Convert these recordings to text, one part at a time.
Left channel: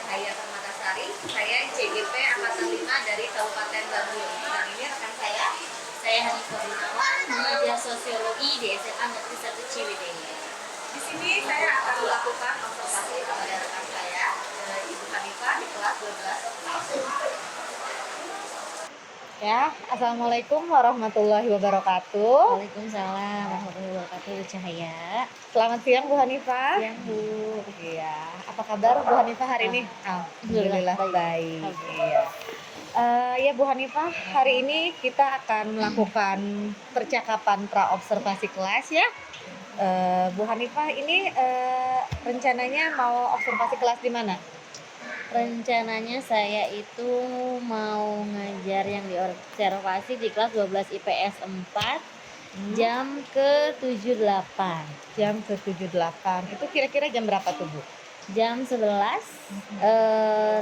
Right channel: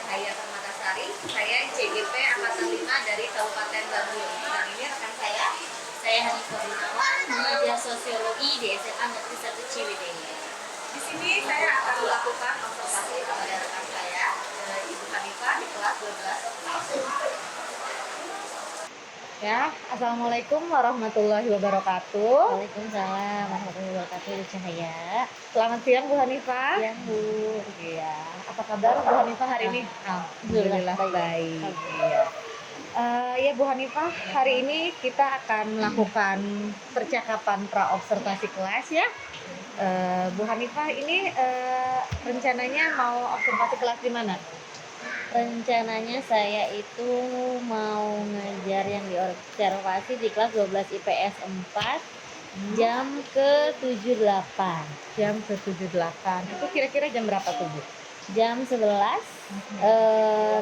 Cahaya Permatasari. Saya CGP Angkatan 5 dari Kabupaten Bandung. Dan ini rekan saya Hanifah Gunawan, mengajar sosiologi di SMA Negeri 1 Ciwidey. Di sini saya akan melakukan observasi kepada rekan saya, Ibu Hanifah di kelas 12. Ya, assalamualaikum warahmatullahi wabarakatuh. Waalaikumsalam warahmatullahi wabarakatuh, Bu Cahaya. Selamat siang Bu Hanifah. Siang, Bu. Iya, apa kabar Bu Hanifah hari ini? Alhamdulillah baik. Iya. Ya Bu Hanifah, hari ini kita akan melakukan percakapan pra-observasi kelas ya. Bu Hanifah ini rencananya mau observasi kelas di mana? Rencananya saya itu mau ngejar yang diobservasi di kelas 12 IPS 4 jam ke 78. Jam ke 78. Itu kira-kira jam berapa tuh Bu? Jam 11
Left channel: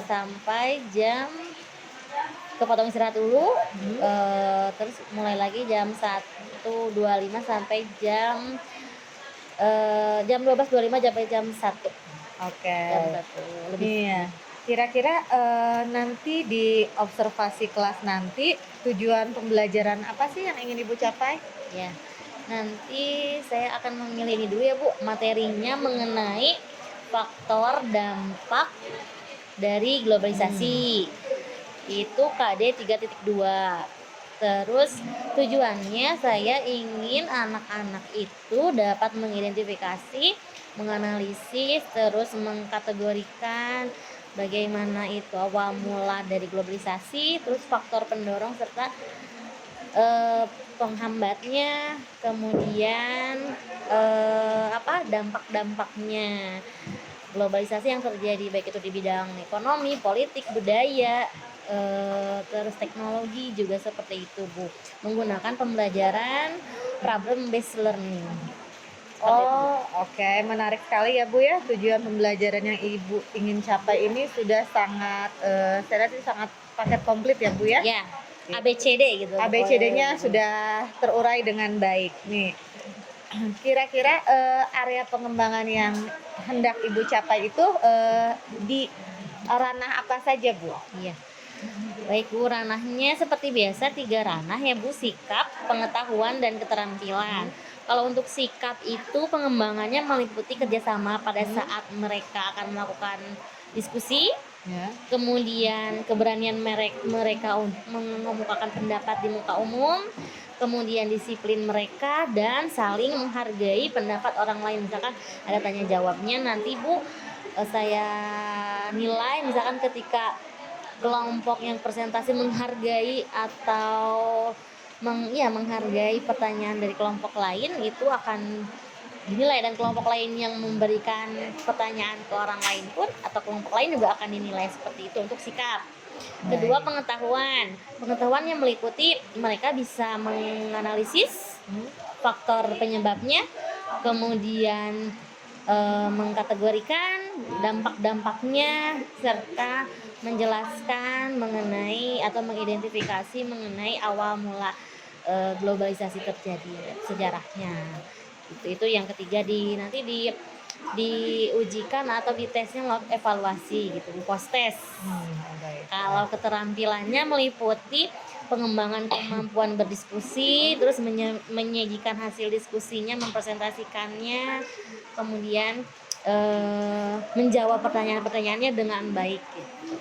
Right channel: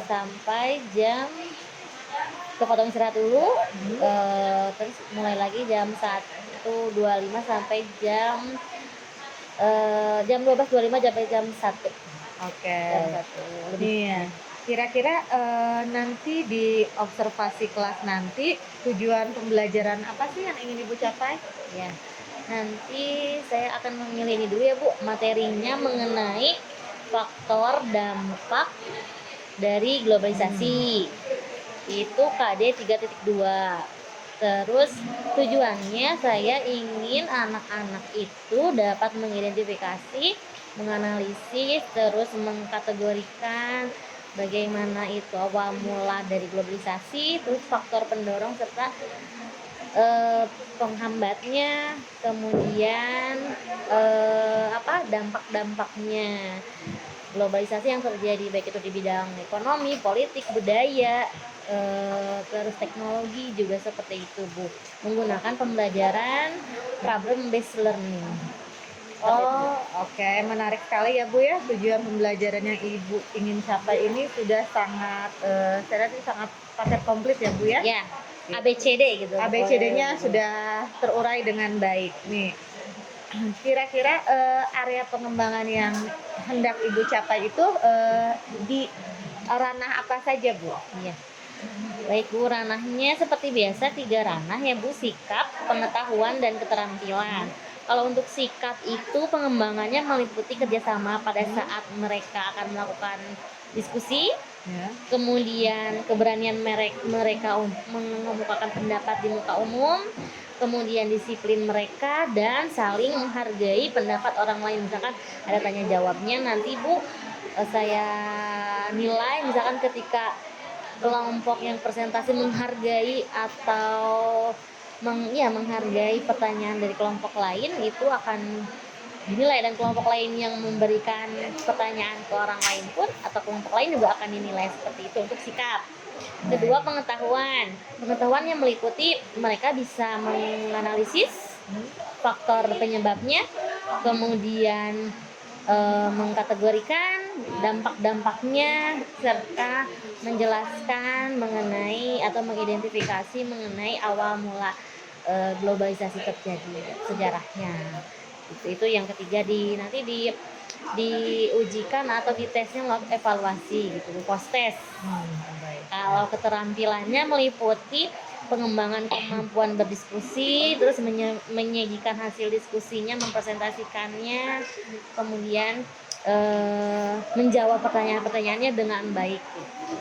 sampai jam kepotong istirahat dulu. Terus mulai lagi jam 1.25 sampai jam 12.25 sampai jam 1. Oke. Jam 1 lebih. Iya. Kira-kira nanti di observasi kelas nanti tujuan pembelajaran apa sih yang ingin Ibu capai? Ya, nanti saya akan memilih ini dulu ya Bu, materinya mengenai faktor dampak dari globalisasi. Itu KD 3.2. Terus tujuannya saya ingin anak-anak itu dapat mengidentifikasi, menganalisis, terus mengkategorikan bagaimana itu awal mula dari globalisasi, terus faktor pendorong serta penghambatnya, kemudian dampak-dampaknya globalisasi yang terjadi baik itu di bidang ekonomi, politik, budaya, terus teknologi juga seperti itu Bu, menggunakan pembelajaran problem based learning. Oke. Menarik sekali ya Bu ya. Tujuan pembelajaran yang Ibu ingin capai ini sudah sangat saya rasa sangat paket komplit ya Bu ya. Ya, ABCD gitu. ABCD-nya sudah terurai dengan baik nih. Kira-kira area pengembangan yang hendak Ibu capai itu di ranah apa saja Bu? Iya. Baik Bu, ranahnya seperti biasa 3 ranah ya Bu, sikap, pengetahuan, dan keterampilan. Kalau untuk sikap itu pengembangannya meliputi kerjasama pada saat mereka akan melakukan diskusi, Ya. kemudian keberanian mereka untuk mengemukakan pendapat di muka umum, kemudian disiplin mereka, dan saling menghargai pendapat orang lain. Misalkan ada tanya jawabnya nanti Bu, saya nilai misalkan ketika kelompok yang presentasi menghargai atau menghargai pertanyaan dari kelompok lain, itu akan dinilai, dan kelompok lain yang memberikan pertanyaan ke orang lain pun atau kelompok lain juga akan dinilai seperti itu untuk sikap. Kedua, pengetahuan yang meliputi mereka bisa menganalisis faktor penyebabnya, kemudian mengkategorikan dampak-dampaknya, serta menjelaskan mengenai atau mengidentifikasi mengenai awal mula globalisasi terjadi, sejarahnya. Itu yang ketiga, nanti diujikan atau ditesnya lewat evaluasi gitu, post test. Kalau keterampilannya meliputi pengembangan kemampuan berdiskusi, terus menyajikan hasil diskusinya, mempresentasikannya, kemudian menjawab pertanyaan-pertanyaannya dengan baik gitu.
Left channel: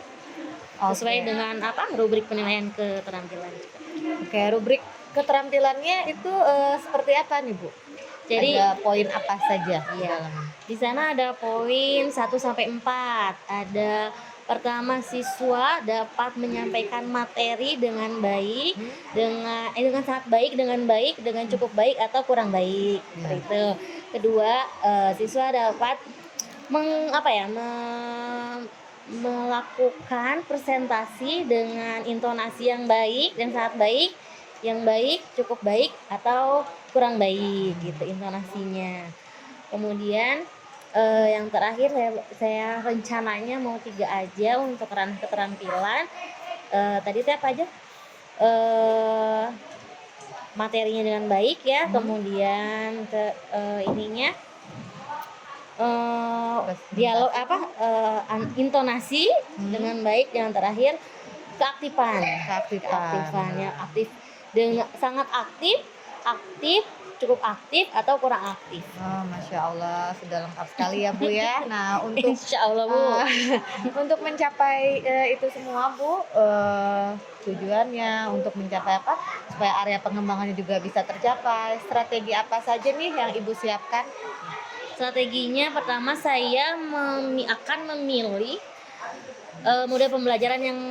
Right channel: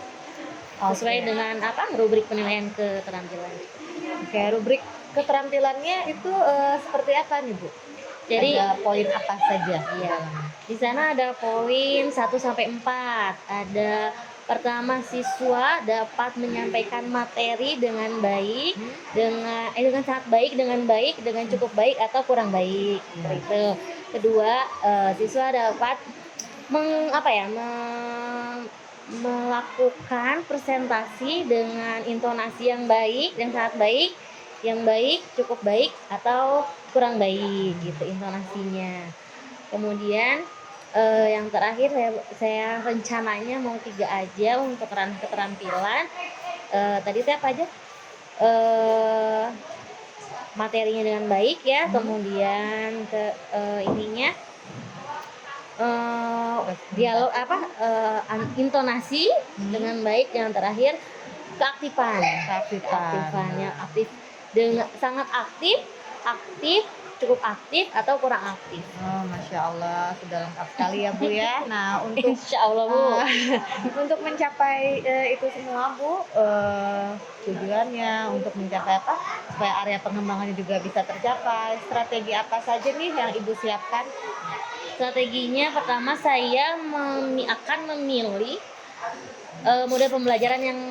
Sesuai dengan rubrik penilaian keterampilan. Oke, rubrik keterampilannya itu seperti apa nih Bu? Jadi ada poin apa saja? Iya. Di sana ada poin 1 sampai 4. Ada pertama, siswa dapat menyampaikan materi dengan baik, dengan sangat baik, dengan baik, dengan cukup baik atau kurang baik. Itu. Kedua, siswa dapat melakukan presentasi dengan intonasi yang baik dan sangat baik, yang baik, cukup baik, atau kurang baik gitu intonasinya. Kemudian yang terakhir saya rencananya mau 3 aja untuk ranah keterampilan. Tadi itu apa aja? Materinya dengan baik ya, kemudian dialog intonasi dengan baik. Yang terakhir keaktifan. Keaktifannya aktif dengan sangat aktif, cukup aktif atau kurang aktif. Oh, Masya Allah, sudah lengkap sekali ya Bu ya. Nah, untuk Insya Allah Bu. untuk mencapai itu semua Bu, tujuannya untuk mencapai apa? Supaya area pengembangannya juga bisa tercapai. Strategi apa saja nih yang Ibu siapkan? Strateginya pertama saya akan memilih model pembelajaran yang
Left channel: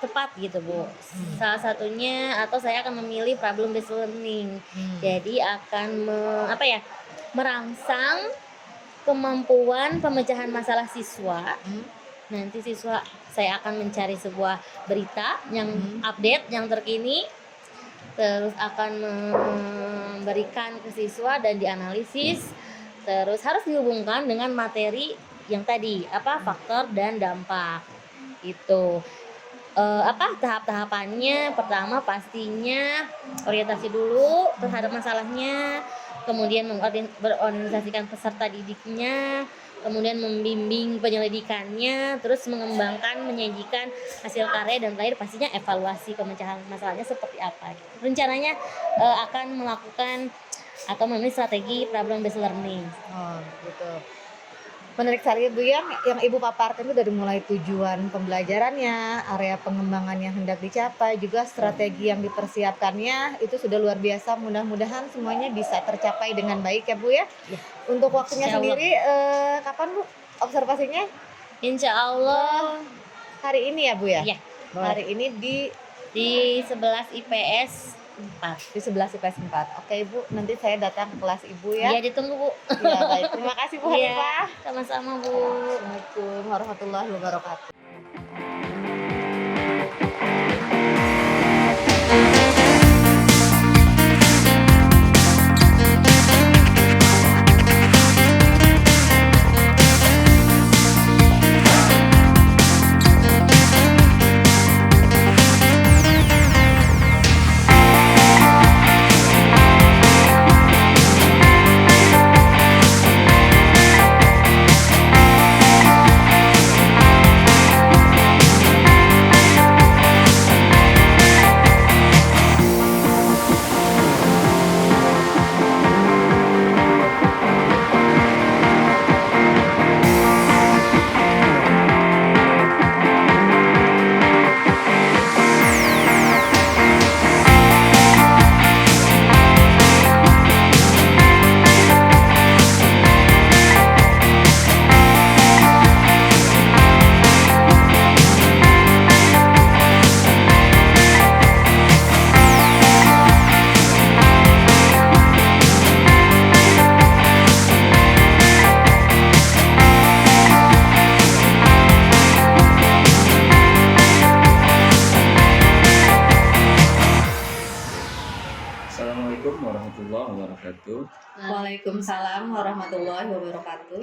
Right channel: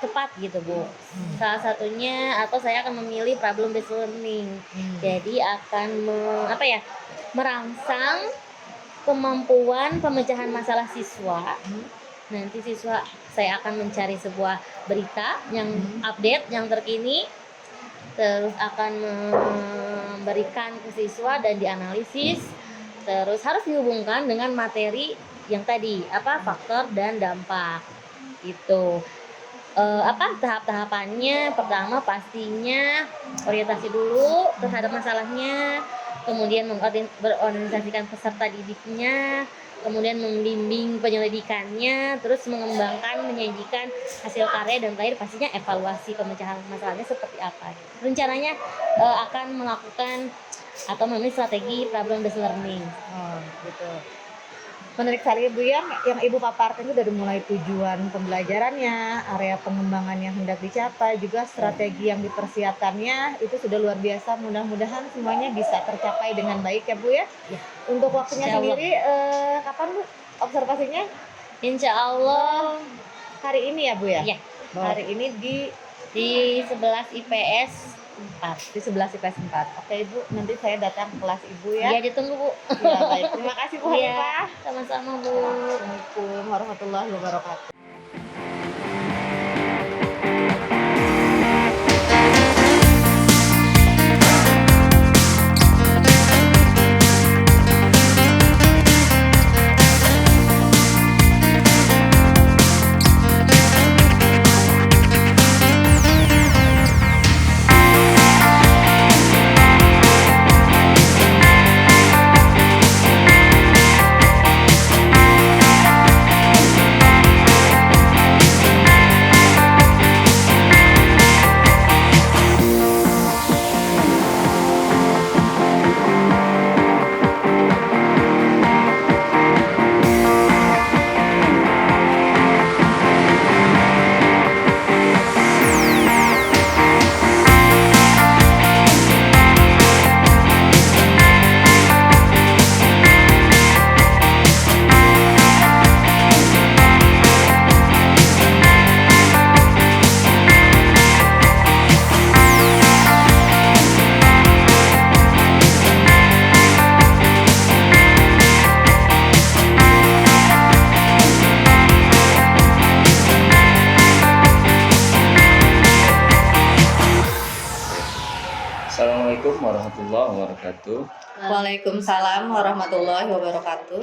cepat gitu Bu. Salah satunya atau saya akan memilih problem based learning. Jadi akan merangsang kemampuan pemecahan masalah siswa. Nanti siswa saya akan mencari sebuah berita yang update, yang terkini, terus akan memberikan ke siswa dan dianalisis. Terus harus dihubungkan dengan materi yang tadi faktor dan dampak. Itu tahap-tahapannya. Pertama pastinya orientasi dulu terhadap masalahnya, kemudian berorganisasikan peserta didiknya, kemudian membimbing penyelidikannya, terus mengembangkan, menyajikan hasil karya, dan terakhir pastinya evaluasi pemecahan masalahnya seperti apa. Rencananya akan melakukan atau memilih strategi problem based learning. Gitu. Menarik sekali Bu ya, yang Ibu paparkan itu dari mulai tujuan pembelajarannya, area pengembangan yang hendak dicapai, juga strategi yang dipersiapkannya itu sudah luar biasa. Mudah-mudahan semuanya bisa tercapai dengan baik ya Bu ya. Untuk waktunya Insya Allah. sendiri kapan Bu observasinya? Insya Allah Hari ini ya Bu ya? Iya. Hari ini di 11 IPS 4. di 11 IPS 4. Oke Bu, nanti saya datang ke kelas Ibu ya. Iya, ditunggu Bu. Ya, baik. Terima kasih Bu Iya, Hanifah. sama-sama Bu. Assalamualaikum warahmatullahi wabarakatuh. Assalamualaikum warahmatullahi wabarakatuh. Waalaikumsalam warahmatullahi wabarakatuh.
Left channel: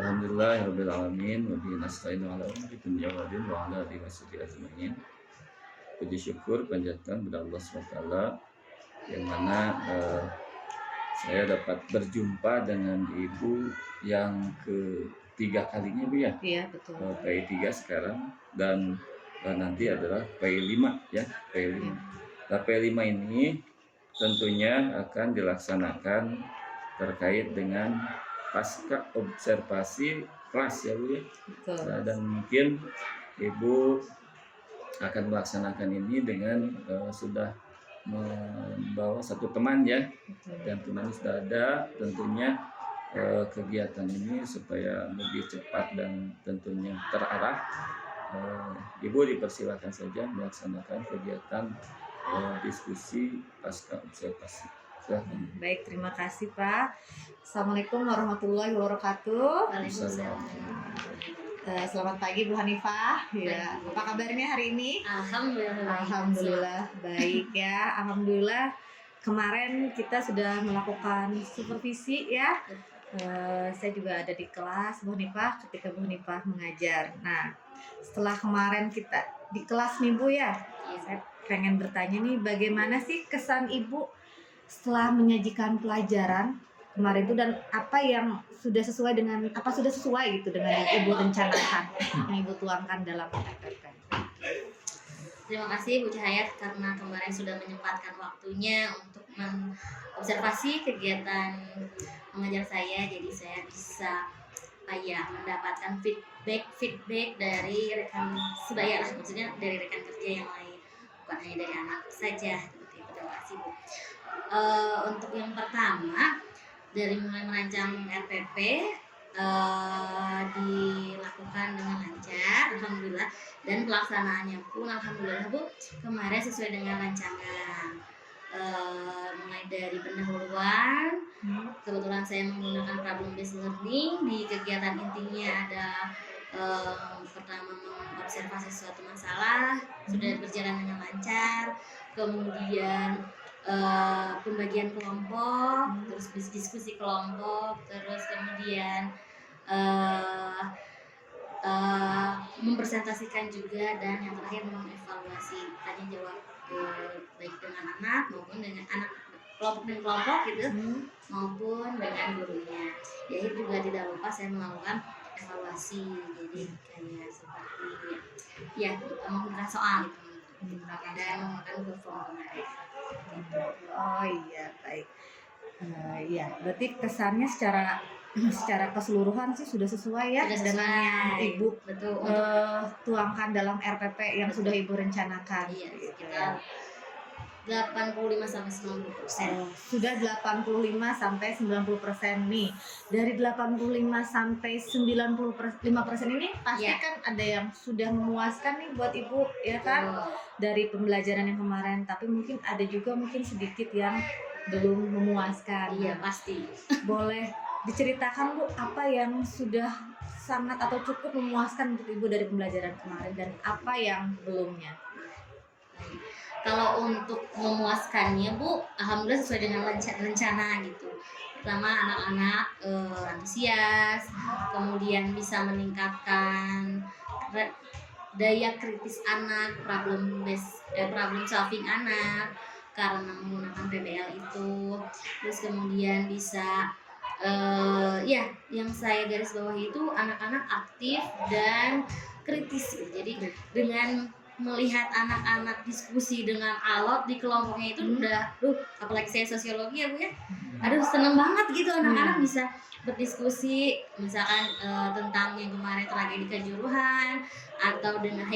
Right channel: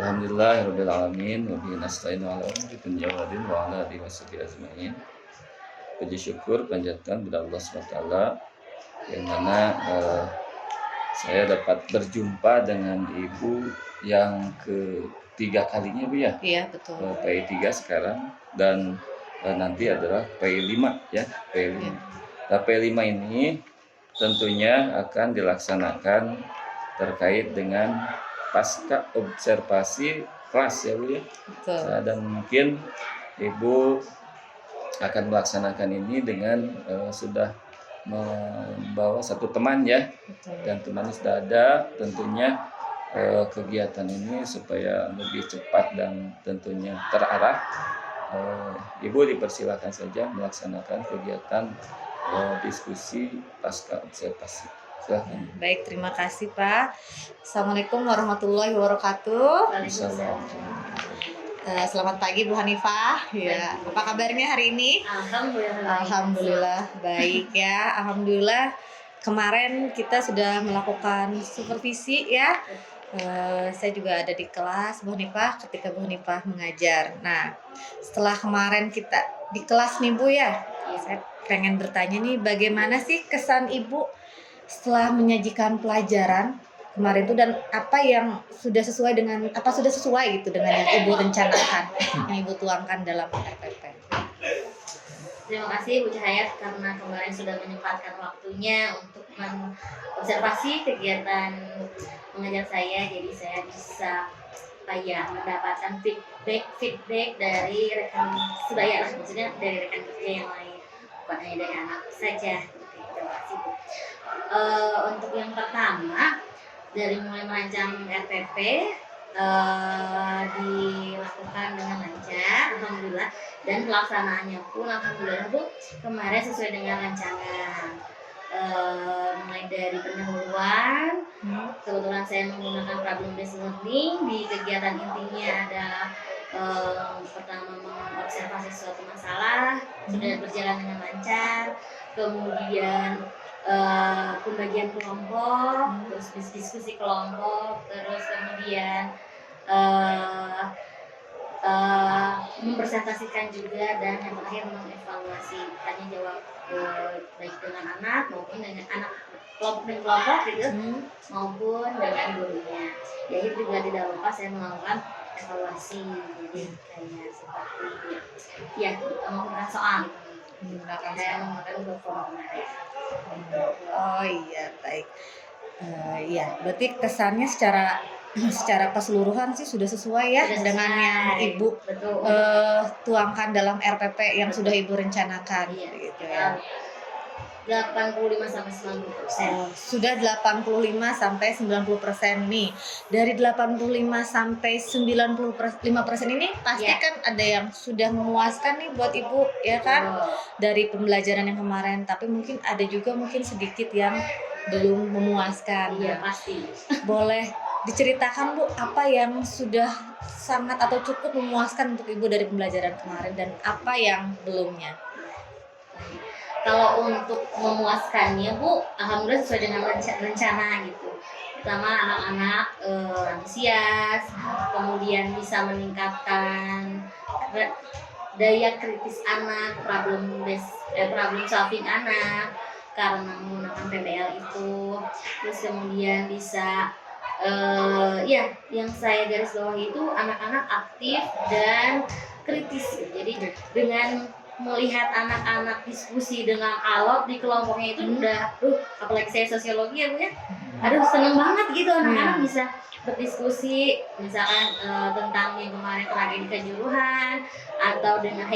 Alhamdulillahirabbil alamin wa bihi nasta'inu ala umuri dunya wa din wa ala alihi washabihi ajmain. Puji syukur panjatkan kepada Allah SWT yang mana saya dapat berjumpa dengan Ibu yang ketiga kalinya Bu ya. Iya, betul. PI 3 sekarang dan nanti adalah PI 5 ya, PI 5. Nah, PI 5 ini tentunya akan dilaksanakan terkait dengan pasca observasi kelas ya Bu ya. Betul. Nah, dan mungkin Ibu akan melaksanakan ini dengan sudah membawa satu teman ya. Betul. Dan teman sudah ada. Tentunya kegiatan ini supaya lebih cepat dan tentunya terarah, Ibu dipersilakan saja melaksanakan kegiatan diskusi pasca observasi. Silakan. Baik, terima kasih Pak. Assalamualaikum warahmatullahi wabarakatuh. Selamat pagi Bu Hanifah. Ya, apa kabarnya hari ini? Alhamdulillah baik ya. Alhamdulillah kemarin kita sudah melakukan supervisi ya. Saya juga ada di kelas Bu Hanifah ketika Bu Hanifah mengajar. Nah, setelah kemarin kita di kelas nih Bu ya, saya pengen bertanya nih, bagaimana sih kesan Ibu setelah menyajikan pelajaran kemarin itu, dan apa yang sudah sesuai gitu dengan yang Ibu rencanakan, yang Ibu tuangkan dalam RPP. Terima kasih Bu Cahayat karena kemarin sudah menyempatkan waktunya untuk mengobservasi kegiatan mengajar saya, jadi saya bisa mendapatkan feedback dari rekan sebaya lah, maksudnya dari rekan kerja yang lain, bukan hanya dari anak saja. Terima kasih Bu. Untuk yang pertama, dari mulai merancang RPP dilakukan dengan lancar, alhamdulillah, dan pelaksanaannya pun alhamdulillah Bu kemarin sesuai dengan rancangan. Mulai dari pendahuluan, kebetulan saya menggunakan problem based learning. Di kegiatan intinya ada pertama mengobservasi suatu masalah sudah berjalan dengan lancar, kemudian pembagian kelompok, terus diskusi kelompok, terus kemudian mempresentasikan juga, dan yang terakhir mengevaluasi tanya jawab baik dengan anak maupun dengan anak kelompok gitu, maupun dengan gurunya. Ya itu juga tidak lupa saya melakukan evaluasi, jadi kayak seperti menggunakan soal dan menggunakan perform kemarin. Oh iya, baik. Ya, berarti kesannya secara keseluruhan sih sudah sesuai ya Sudah dengan sesuai. yang Ibu Betul. tuangkan dalam RPP yang sudah Ibu rencanakan. Iya, Gitu ya. 85-90%. Sudah 85-90% nih. Dari 85-95% ini pasti Ya. kan ada yang sudah memuaskan nih buat Ibu, ya kan? Dari pembelajaran yang kemarin, tapi mungkin ada juga sedikit yang belum memuaskan. Iya, pasti. Boleh diceritakan Bu, apa yang sudah sangat atau cukup memuaskan untuk Ibu dari pembelajaran kemarin dan apa yang belumnya? Kalau untuk memuaskannya Bu, alhamdulillah sesuai dengan rencana gitu. Pertama anak-anak antusias, kemudian bisa meningkatkan daya kritis anak, problem solving anak karena menggunakan PBL itu. Terus kemudian bisa yang saya garis bawahi itu anak-anak aktif dan kritis. Jadi dengan melihat anak-anak diskusi dengan alot di kelompoknya itu udah apalagi saya sosiologi ya Bu ya, seneng banget gitu anak-anak bisa berdiskusi misalkan tentang yang kemarin tragedi Kanjuruhan atau dengan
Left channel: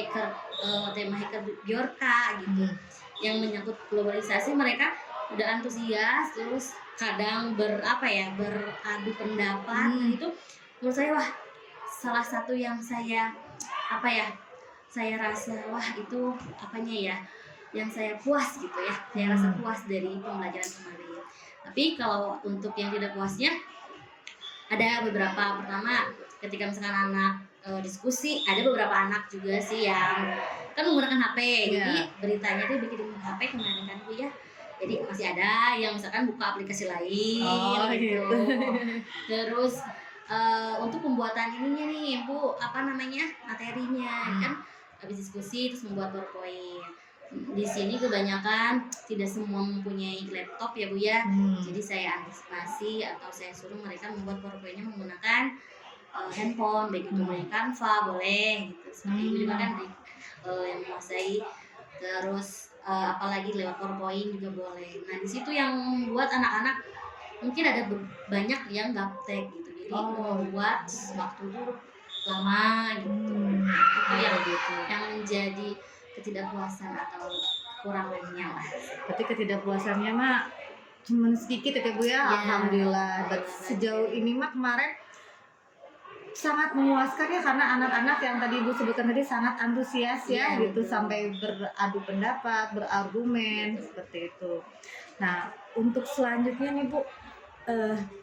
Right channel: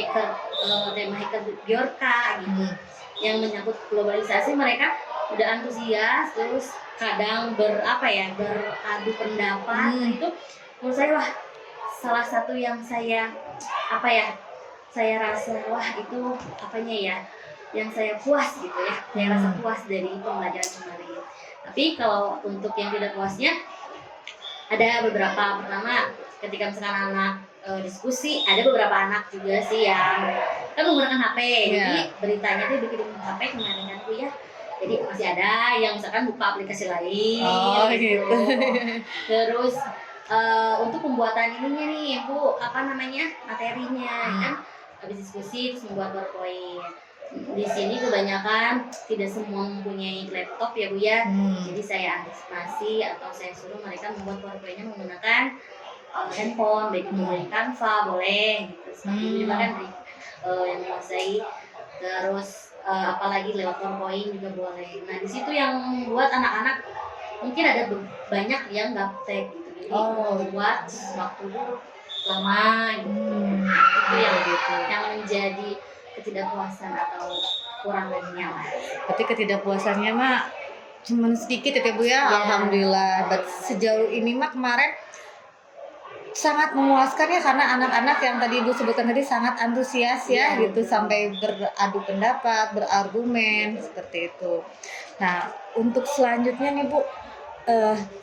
tema hacker Bjorka gitu yang menyangkut globalisasi. Mereka udah antusias, terus kadang beradu pendapat. Itu menurut saya salah satu yang saya rasa itu yang saya puas gitu ya, saya rasa puas dari pembelajaran kemarin. Tapi kalau untuk yang tidak puasnya ada beberapa. Pertama, ketika misalkan anak diskusi, ada beberapa anak juga sih yang kan menggunakan HP, jadi beritanya tuh bikin HP kemarin kan Bu ya. Jadi masih ada yang misalkan buka aplikasi lain gitu. Terus untuk pembuatan ininya nih Bu, materinya kan habis diskusi terus membuat PowerPoint. Di sini kebanyakan tidak semua mempunyai laptop ya Bu ya. Jadi saya antisipasi atau saya suruh mereka membuat PowerPoint-nya menggunakan handphone, baik itu dari Canva boleh gitu. Seperti itu juga kan yang menguasai. Terus apalagi lewat PowerPoint juga boleh. Nah di situ yang membuat anak-anak mungkin ada banyak yang gaptek gitu. Jadi membuat waktu lama gitu. Itu yang menjadi ketidakpuasan atau kurang lebihnya lah. Berarti ketidakpuasannya cuma sedikit ya Bu ya. Alhamdulillah. Sejauh ini kemarin sangat memuaskan ya, karena anak-anak yang tadi Ibu sebutkan tadi sangat antusias gitu, sampai beradu pendapat, berargumen seperti itu. Nah untuk selanjutnya nih Bu,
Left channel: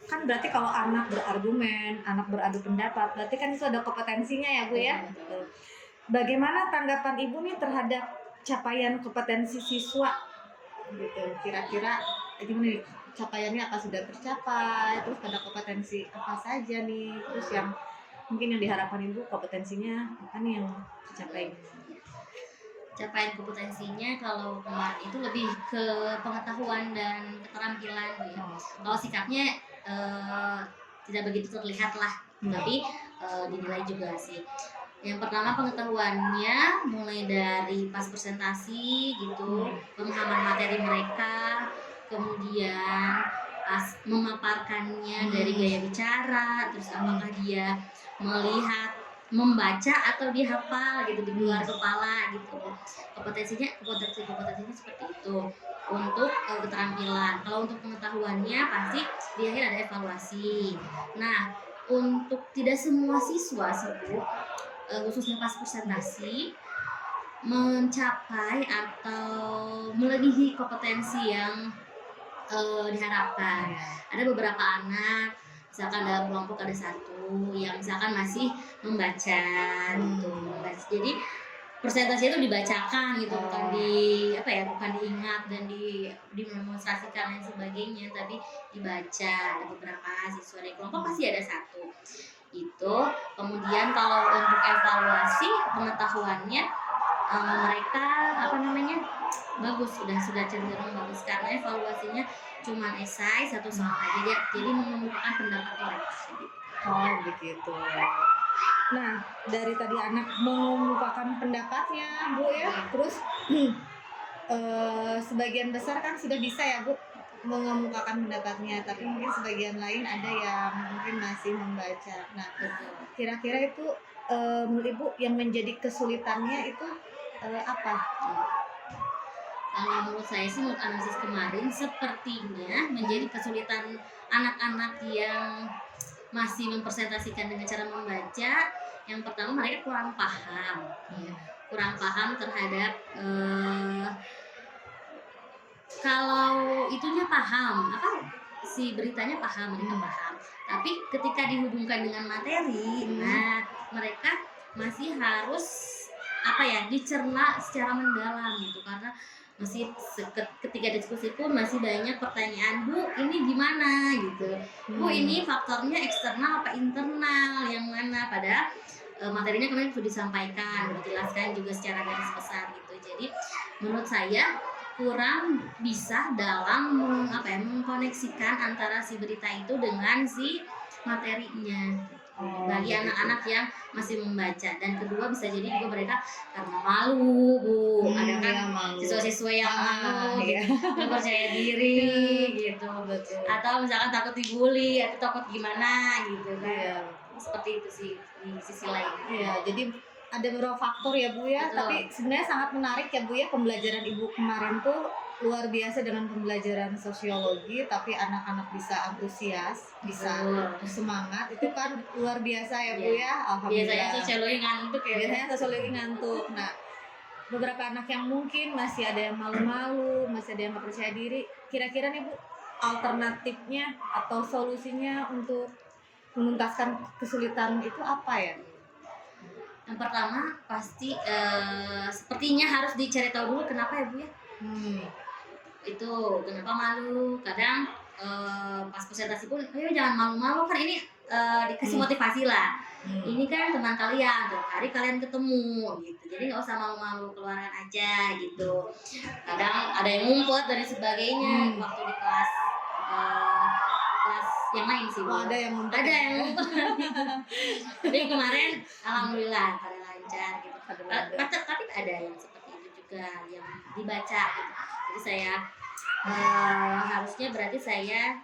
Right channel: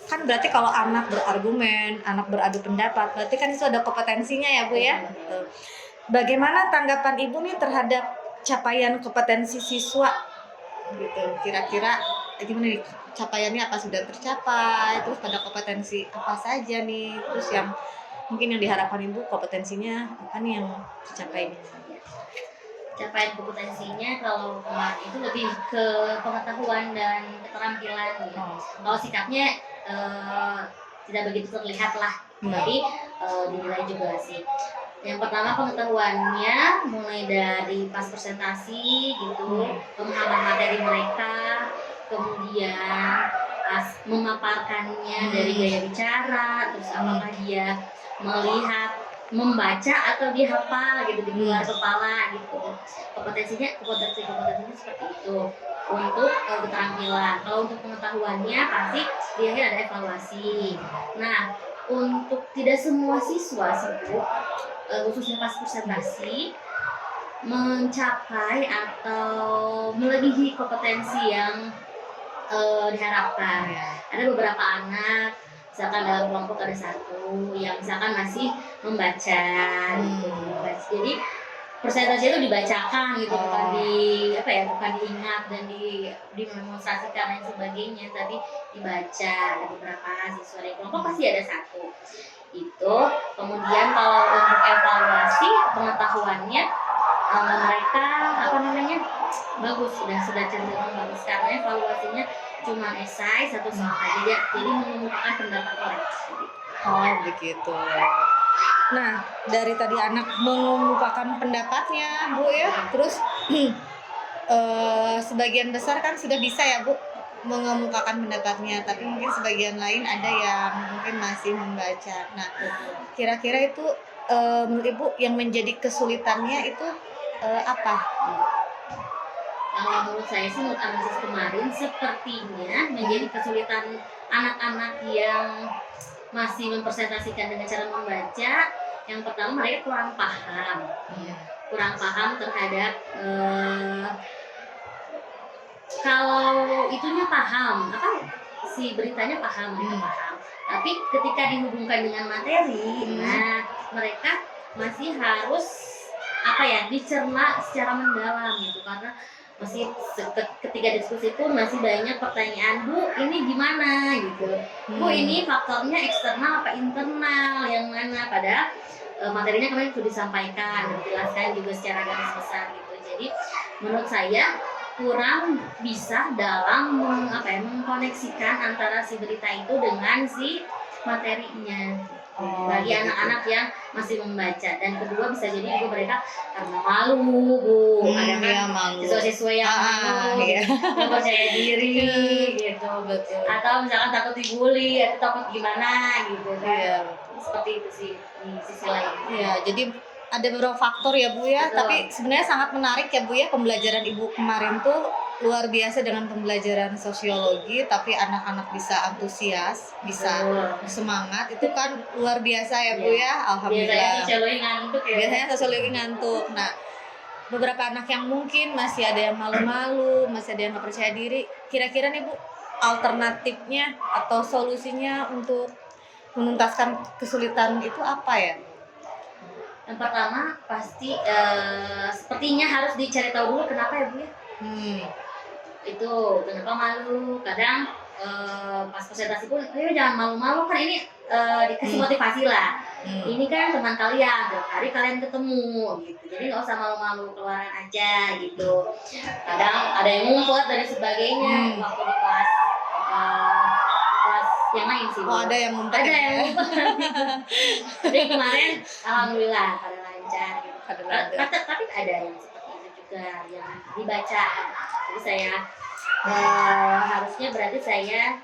kan berarti kalau anak berargumen, anak beradu pendapat, berarti kan itu ada kompetensinya ya Bu ya. Bagaimana tanggapan Ibu nih terhadap capaian kompetensi siswa gitu? Kira-kira gimana nih capaiannya, apa sudah tercapai? Terus pada kompetensi apa saja nih? Terus yang mungkin yang diharapkan Ibu kompetensinya apa nih yang dicapai? capaian kompetensinya kalau kemarin itu lebih ke pengetahuan dan keterampilan ya. Kalau sikapnya tidak begitu terlihat lah, tapi dinilai juga sih. Yang pertama pengetahuannya mulai dari pas presentasi gitu, pemahaman materi mereka, kemudian pas memaparkannya dari gaya bicara, terus apakah dia melihat, membaca atau dia hafal gitu di luar kepala gitu. Kompetensinya seperti itu. Untuk keterampilan, kalau untuk pengetahuannya pasti di akhir ada evaluasi. Nah, untuk tidak semua siswa sih Bu, khususnya pas presentasi mencapai atau melebihi kompetensi yang diharapkan. Ada beberapa anak, misalkan dalam kelompok ada satu yang misalkan masih membaca gitu. Jadi presentasi itu dibacakan gitu, bukan bukan diingat dan didemonstrasikan dan sebagainya, tapi dibaca. Ada beberapa siswa di kelompok pasti ada satu itu. Kemudian kalau untuk evaluasi pengetahuannya, mereka bagus, sudah cenderung bagus karena evaluasinya cuma esai satu soal aja, jadi mengemukakan pendapat mereka. Oh begitu. Nah, dari tadi anak mengemukakan pendapatnya, Bu ya, terus sebagian besar kan sudah bisa ya Bu mengemukakan pendapatnya, tapi mungkin sebagian lain ada yang mungkin masih membaca. Nah, kira-kira itu menurut Ibu yang menjadi kesulitannya itu apa? Kalau menurut saya sih, menurut analisis kemarin sepertinya menjadi kesulitan anak-anak yang masih mempresentasikan dengan cara membaca. Yang pertama, mereka kurang paham terhadap kalau itunya paham, si beritanya paham, mereka paham. Tapi ketika dihubungkan dengan materi, nah mereka masih harus dicerna secara mendalam gitu, karena masih ketika diskusi itu masih banyak pertanyaan, Bu ini gimana gitu, Bu ini faktornya eksternal apa internal yang mana, padahal materinya kemarin sudah disampaikan dan dijelaskan juga secara garis besar gitu. Jadi menurut saya kurang bisa dalam mengkoneksikan antara si berita itu dengan si materinya. Bagi anak-anak yang masih membaca, dan kedua bisa jadi juga mereka karena malu, Bu. Ada kan siswa-siswa yang malu, nggak percaya diri gitu, betul. Atau misalkan takut dibully atau takut gimana gitu kan. Seperti itu sih di sisi lain. Iya, jadi ada beberapa faktor ya Bu ya. Betul. Tapi sebenarnya sangat menarik ya Bu ya, pembelajaran Ibu kemarin tuh luar biasa dengan pembelajaran sosiologi, tapi anak-anak bisa antusias, bisa semangat, itu kan luar biasa ya Bu ya. Alhamdulillah. Biasanya sosiologi ngantuk. Nah, beberapa anak yang mungkin masih ada yang malu-malu, masih ada yang nggak percaya diri, kira-kira nih Bu, alternatifnya atau solusinya untuk menuntaskan kesulitan itu apa ya? Yang pertama pasti sepertinya harus dicari tahu dulu kenapa ya Bu ya. Itu kenapa malu. Kadang pas presentasi pun, ayo jangan malu-malu, kan ini dikasih motivasi lah. Ini kan teman kalian, tiap hari kalian ketemu gitu, jadi nggak usah malu-malu, keluaran aja gitu. Kadang ada yang ngumpet dan sebagainya waktu di kelas yang lain sih. Oh, ada yang ngumpet. Tapi kemarin alhamdulillah pada lancar gitu. Tapi ada yang seperti itu juga yang dibaca. Jadi saya harusnya berarti saya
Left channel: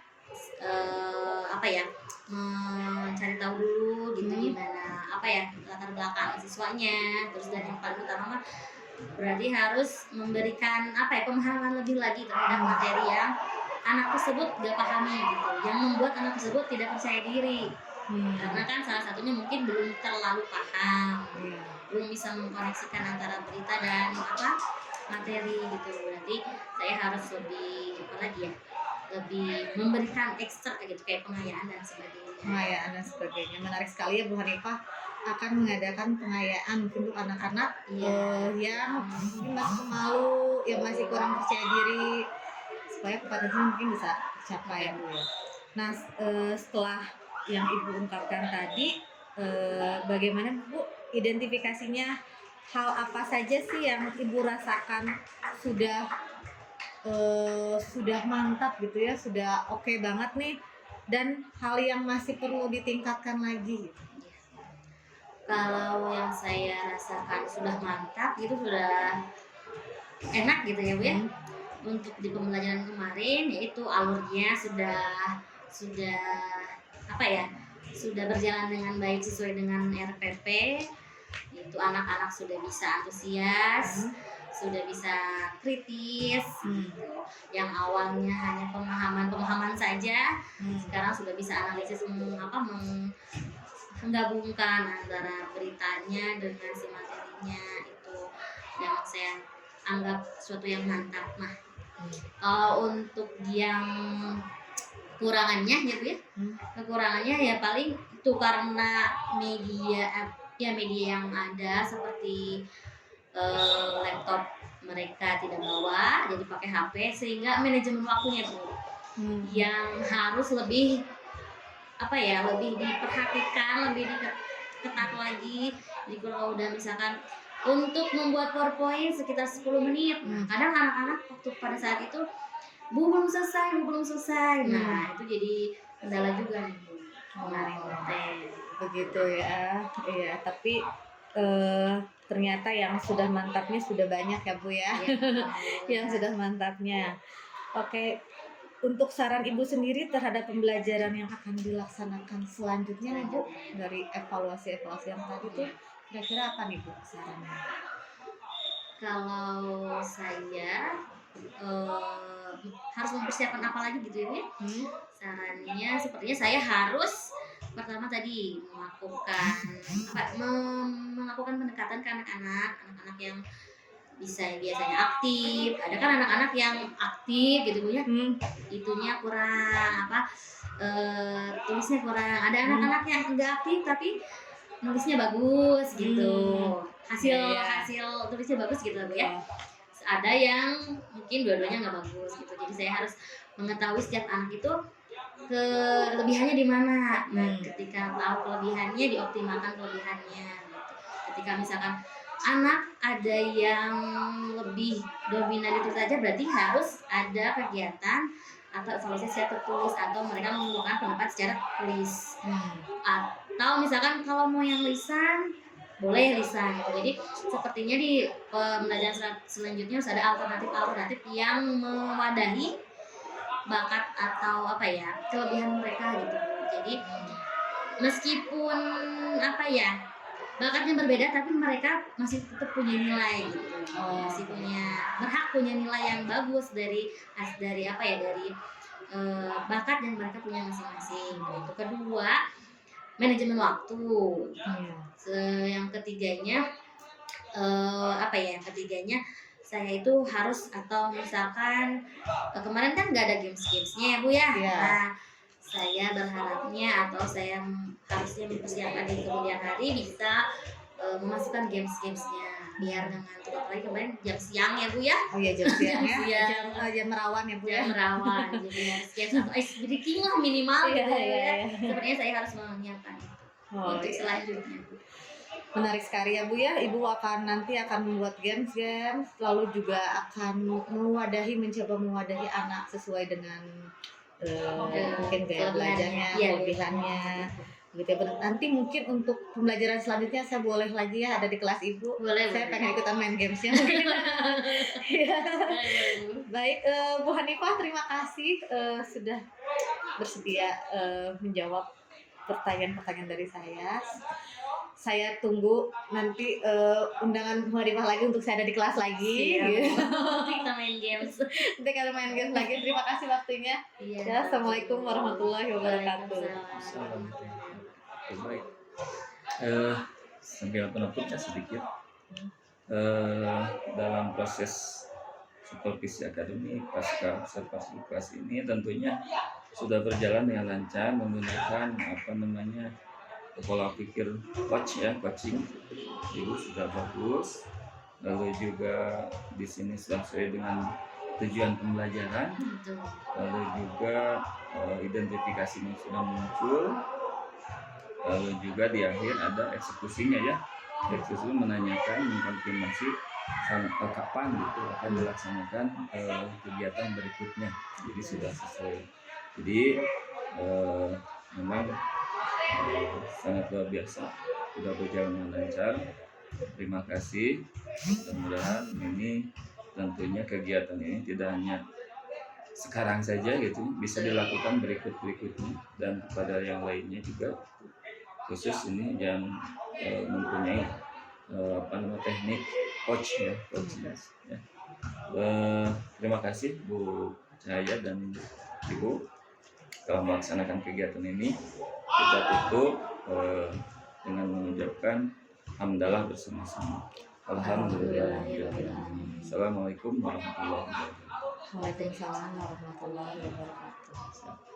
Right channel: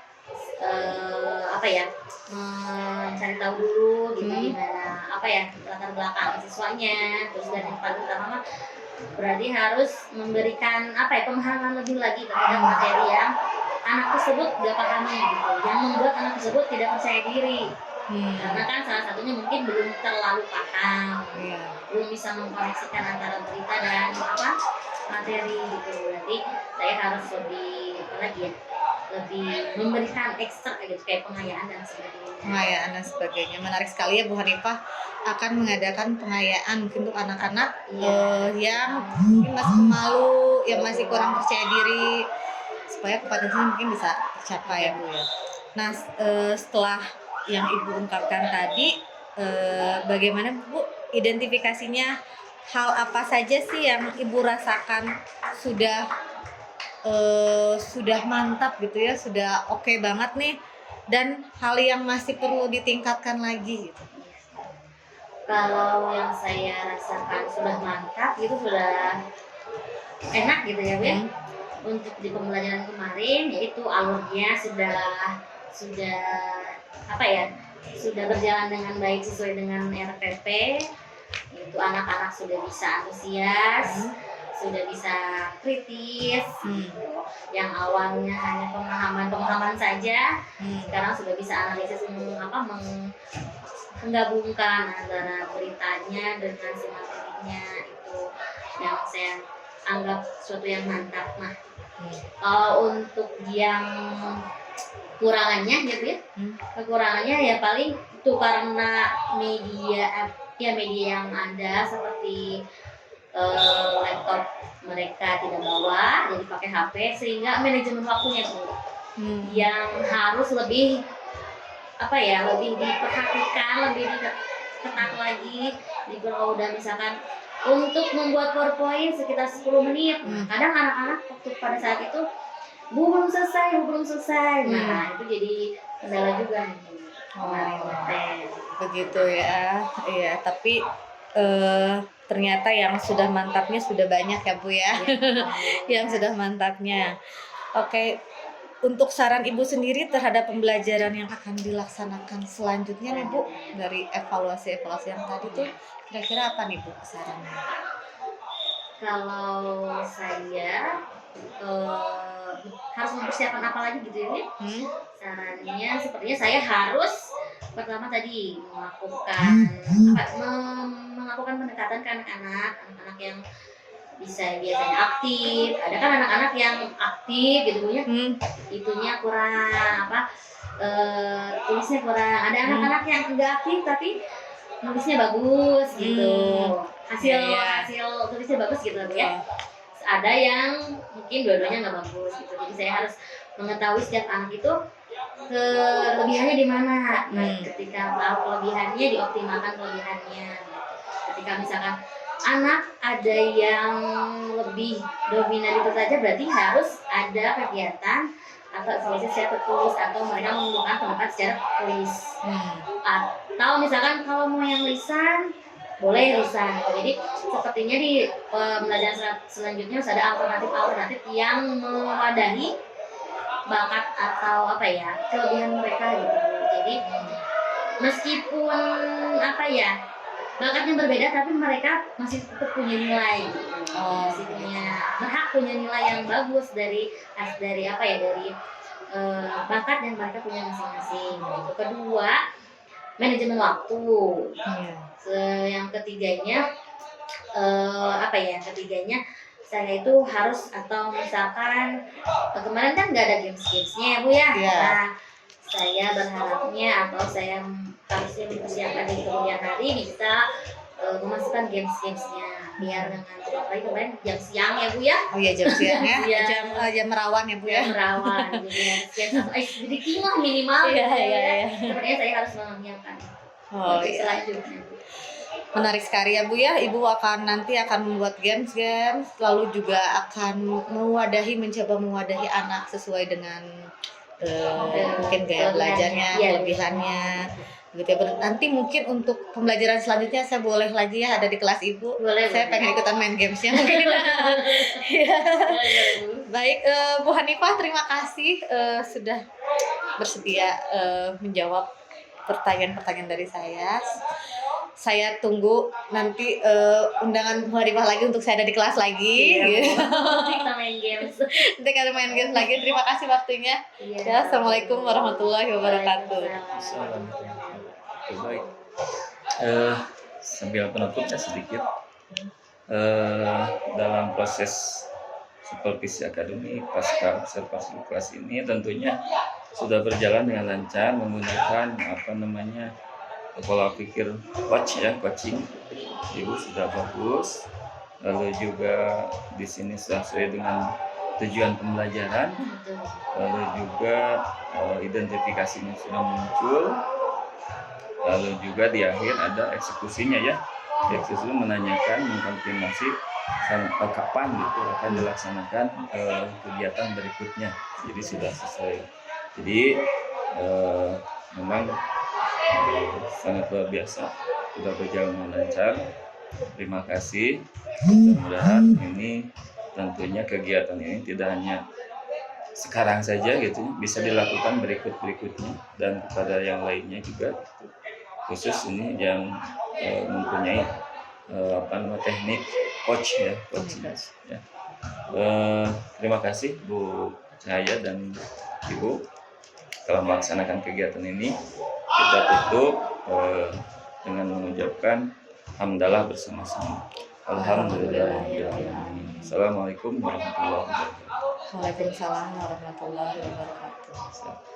mencari tahu dulu gitu gimana latar belakang siswanya, terus dan yang paling utama berarti harus memberikan pemahaman lebih lagi terhadap materi yang anak tersebut gak pahami gitu, yang membuat anak tersebut tidak percaya diri. Karena kan salah satunya mungkin belum terlalu paham, belum bisa mengkoneksikan antara berita dan materi gitu. Berarti saya harus lebih memberikan ekstra gitu, kayak pengayaan dan sebagainya. Menarik sekali ya Bu Hanifah akan mengadakan pengayaan mungkin untuk anak-anak yang masih malu, yang masih kurang percaya diri, supaya kompetensinya mungkin bisa tercapai ya Bu ya. Nah, setelah yang Ibu ungkapkan tadi, bagaimana Bu identifikasinya hal apa saja sih yang Ibu rasakan sudah mantap gitu ya, sudah oke banget nih, dan hal yang masih perlu ditingkatkan lagi gitu. Kalau yang saya rasakan sudah mantap gitu, sudah enak gitu ya Bu ya. Untuk di pembelajaran kemarin yaitu alurnya sudah apa ya, sudah berjalan dengan baik sesuai dengan RPP. Itu anak-anak sudah bisa antusias, sudah bisa kritis. Yang awalnya hanya pemahaman saja, sekarang sudah bisa analisis, menggabungkan antara beritanya dengan si materinya. Itu yang saya anggap suatu yang mantap. Nah, untuk yang kekurangannya gitu ya, kekurangannya ya paling itu karena media yang ada seperti laptop mereka tidak bawa, jadi pakai HP, sehingga manajemen waktunya tuh yang harus lebih lebih diperhatikan, lebih diketat lagi. Jadi kalau udah misalkan untuk membuat PowerPoint sekitar 10 menit, kadang anak-anak waktu pada saat itu belum selesai. Nah, itu jadi kendala juga nih kemarin. Begitu ya. Iya, tapi ternyata yang sudah mantapnya sudah banyak ya Bu ya. Yang sudah mantapnya. Oke, untuk saran Ibu sendiri terhadap pembelajaran yang akan dilaksanakan selanjutnya nih Bu, dari evaluasi yang tadi tuh kira-kira apa nih Bu sarannya? Kalau saya harus mempersiapkan apa lagi gitu ya? Sarannya sepertinya saya harus pertama tadi melakukan pendekatan ke anak-anak yang biasanya aktif. Ada kan anak-anak yang aktif gitu ya, itunya kurang tulisnya kurang. Ada anak-anak yang enggak aktif tapi nulisnya bagus gitu, hasil tulisnya bagus gitu ya. Ada yang mungkin dua-duanya nggak bagus gitu, jadi saya harus mengetahui setiap anak itu kelebihannya di mana. Nah, ketika tahu kelebihannya, dioptimalkan kelebihannya. Ketika misalkan anak ada yang lebih dominan itu saja, berarti harus ada kegiatan atau evaluasi secara tertulis, atau mereka mengumpulkan pendapat secara tulis. Atau misalkan kalau mau yang lisan, boleh lisan. Jadi sepertinya di pembelajaran selanjutnya harus ada alternatif yang mewadahi bakat atau kelebihan mereka gitu. Jadi meskipun bakatnya berbeda, tapi mereka masih tetap punya nilai gitu. Masih berhak punya nilai yang bagus dari bakat yang mereka punya masing-masing. Itu kedua, manajemen waktu. Yang ketiganya saya itu harus, atau misalkan kemarin kan nggak ada gamesnya ya Bu ya. Nah, saya berharapnya atau saya harusnya mempersiapkan di kemudian hari bisa memasukkan gamesnya biar nggak ngantuk. Apalagi kemarin jam siang ya Bu ya. Oh iya, jam siang ya. jam merawan ya Bu ya. Merawan. Jadi sedikit lah minimal. Sebenarnya saya harus menyiapkan selanjutnya. Menarik sekali ya Bu ya. Ibu nanti akan membuat games, lalu juga akan mencoba mewadahi anak sesuai dengan mungkin gaya belajarnya, kelebihannya gitu ya. Nanti mungkin untuk pembelajaran selanjutnya saya boleh lagi ya ada di kelas Ibu. Saya pengen ikutan main gamesnya. Ya. Baik, Bu Hanifah, terima kasih sudah bersedia menjawab pertanyaan-pertanyaan dari saya. Saya tunggu nanti undangan Bu Hanifah lagi untuk saya ada di kelas lagi. Kita main games. Nanti ada main games lagi. Terima kasih waktunya. Ya, Assalamualaikum warahmatullahi wabarakatuh. Baik. Sambil penutupnya sedikit, dalam proses supervisi akademik pasca observasi kelas ini tentunya sudah berjalan dengan lancar menggunakan pola pikir coaching. Ibu sudah bagus, lalu juga di sini sesuai dengan tujuan pembelajaran, lalu juga identifikasinya sudah muncul, lalu juga di akhir ada eksekusinya ya. Pihak siswa menanyakan, mengkonfirmasi kapan gitu akan dilaksanakan kegiatan berikutnya. Jadi sudah sesuai. Jadi memang sangat luar biasa, sudah berjalan dengan lancar. Terima kasih. Mudah-mudahan ini tentunya kegiatan ini tidak hanya sekarang saja gitu, bisa dilakukan berikutnya dan kepada yang lainnya juga. Khusus ini yang mempunyai teknik coach ya, ya. Terima kasih Bu Cahaya dan Ibu telah melaksanakan kegiatan ini. Kita tutup dengan mengucapkan hamdalah bersama-sama. Alhamdulillahirrahmanirrahim. Assalamualaikum warahmatullahi wabarakatuh. Waalaikumsalam warahmatullahi wabarakatuh.